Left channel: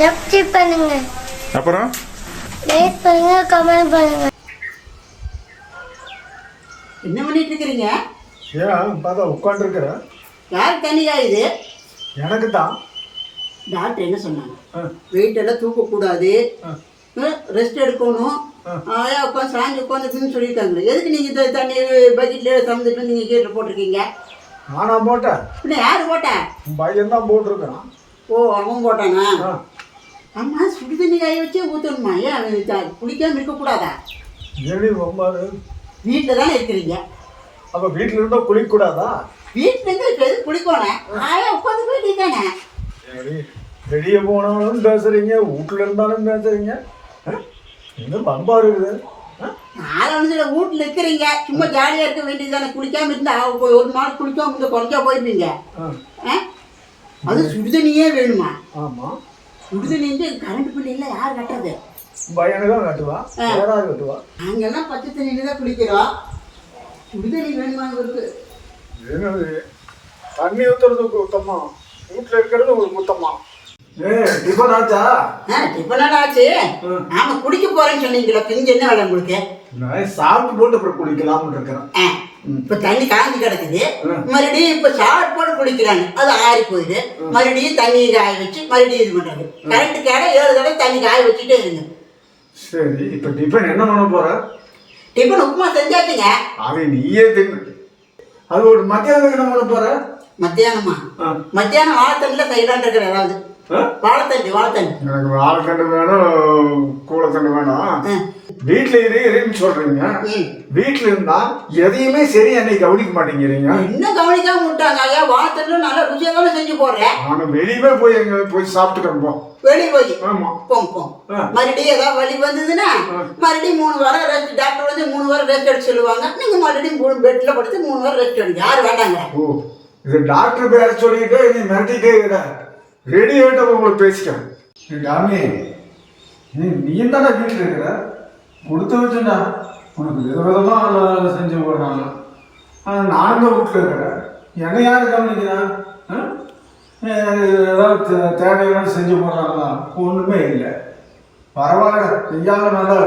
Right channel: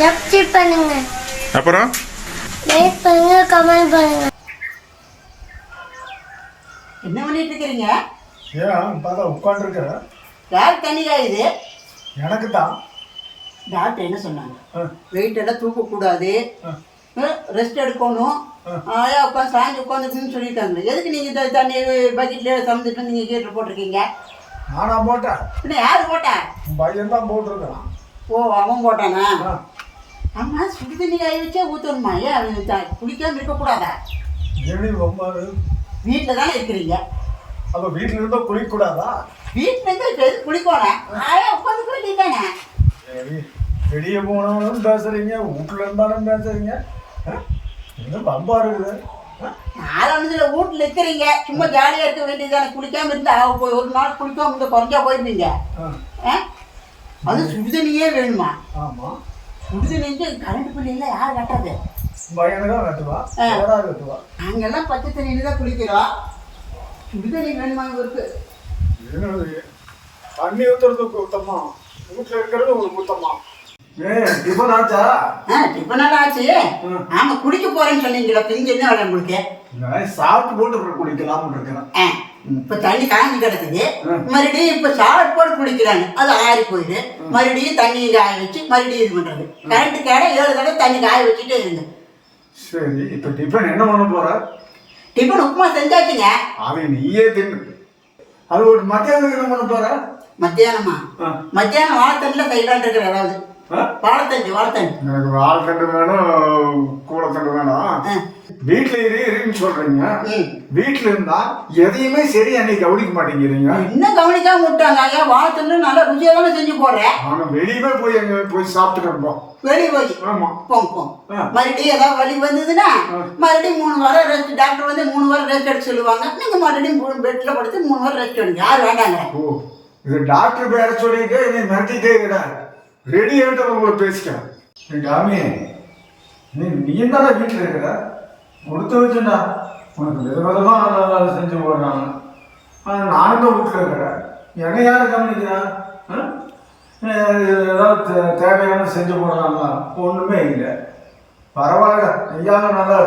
Subscribe பண்ணுங்க. அப்புறம்? Like பண்ணுங்க கமெண்ட் பண்ணுங்க. என்ன பண்ணிட்டு இருக்கிறீங்க? ஏன் பார்த்தா உட்காந்துருக்குறேன் யார் தண்ணி காயுது எனக்கு தான் டாக்டர் என்ன சொன்னாங்க. வெயிட் எல்லாம் தூக்கக்கூடாது. ரெஸ்ட் எடுக்கணும். ஆ. ஆயா உட்காந்து சாஞ்சி உட்காந்துருக்குன்னு சொல்லியிருக்காங்களே. எதுக்கு நீங்கள் இந்த தண்ணி பக்கெட்டில் திறந்துட்டு நீங்கள் கீட்டில் போட்டிருக்கீங்க? நானா போட்டேன். பின்ன யார் போட்டா? உன் பையன் தான் போட்டிருக்கான் ஓ அவன் போட்டானா? ஆ. ஆமாம் சுடு தண்ணி காய வச்சே ஊற்றணுமா ஏன் அவன் த- குளிக்காம இருக்கக்கூடாதா? ஏழி ஒம்பாது வீட்டில் தானே இருக்கிறீங்க. அப்போ வீட்டில் இருந்தால் குளிக்கக்கூடாதா வீட்டில் இருந்து இப்போ எது குளிக்கணும் ஆயா உட்காந்து வேண்டியதானே சரி வெளியே போனாலும் பேசுறீங்க வீட்டில் இருந்தாலும் பேசுறீங்க. ஆ? இன்னும் பம்பா இருக்குது? நாலஞ்சில் வீட்டில் இருக்கிறீங்க. சும்மா ஜாலியாக இருக்க வேண்டியதானே குளிக்காம இருந்தா போய் ஒரு நாள் குளிக்காம இருந்தா குறைஞ்சா போயிருந்தீங்க? அது சுடுதண்ணியே வேணுமா? ஆமாம் சுடுதண்ணி கரண்ட் பில் எல்லாம் யார் கட்டுறது? பையனை தான் கட்டுவா? வேற யார் கட்டுவா? நாங்கெல்லாம் பச்சை தண்ணியில தான் குளிக்கிறோம். சுடுதண்ணி வேணுமா இவருக்கு என்னது? தண்ணி ஊற்றுறது குத்தமா வீட்டில் இருக்கிறது ஒரு குத்தமா ஏ டிஃபன் ஆச்சா? ஆ டிஃபன் ஆச்சு. ஆமா குடிக்க போறேன்னு சொன்னீங்களா பிஞ்சு என்ன வேலை உங்களுக்கு? நான் சாப்பிட்டு போட்டு அப்புறம் குளிக்கலாம்னு இருக்கிறேன். இப்ப தண்ணி காஞ்சி கிடக்குது. மறுபடியும் இப்ப சாப்பிட்டு போட்டு குளிக்கிறாங்க. அது ஆறி போயிடுது மறுபடியும் தண்ணி காய வச்சு மறுபடியும் இது பண்றது. கரண்ட் கேட ஏழு தடவை தண்ணி காய வச்சுட்டே இருங்க சரி இப்போ டிஃபன் என்ன பண்ண போற? டிஃபன் உப்புமா செஞ்சாச்சுங்க. அதை நீயே தின்னு. அது ஒரு மத்தியானத்துக்கு என்ன பண்ண போற? மத்தியானமா. மத்தியானம் வாழைத்தண்டில் செய்யலான் இருக்கிற ஏதாவது? வாழைத்தண்டு வாழைத்தண்டு. எனக்கு வாழைத்தண்டு வேணும் கூடத்தண்டு வேணும். வீட்டில் இதே இருன்னு சொல்றீங்க. வீட்டில் இருந்தா எதையுமே சரி அன்னைக்கு கவனிக்க மாட்டேங்கிறீங்க. என்ன கவனிக்காம விட்டாங்க? ஐயா வாழைத்தண்டு நல்லா ருசியாக தானே செஞ்சு போடுறேன் நானும் வெளியவே போய் எங்க போய் சாப்பிட்டு இருப்போம் வெளியே போய். ஆமா. போங்க போங்க. மறுபடியும் ஏதாவது வலி வந்ததுன்னா மறுபடியும் மூணு வாரம் ரெஸ்ட் டாக்டர் வந்து மூணு வாரம் ரெஸ்ட் எடுக்க சொல்லுவாங்க. நீங்க மறுபடியும் பெட்ல படுத்து மூணு வாரம் ரெஸ்ட் எடுங்க. யார் வேண்டாங்க? ஓ இது டாக்டர் பேர சொல்லிட்டு என்னை மிரட்டிட்டே இட ரெடி ஆகிட்டு உங்களுக்கு பேசிக்கிறேன். டாமி நீ நீ தானே வீட்டில் இருக்கிற? கொடுத்து வச்சுடா உனக்கு விதவிதமாக செஞ்சு போடுறாங்க. ஆனால் நானும் தான் வீட்டில் இருக்கிறேன். என்னை யார் கவனிக்கிறா? ஏதாவது தே- தேவையான செஞ்சு போடுறாங்களா ஒன்றுமே இல்லை. பரவாயில்ல ஐயாவும் நல்லா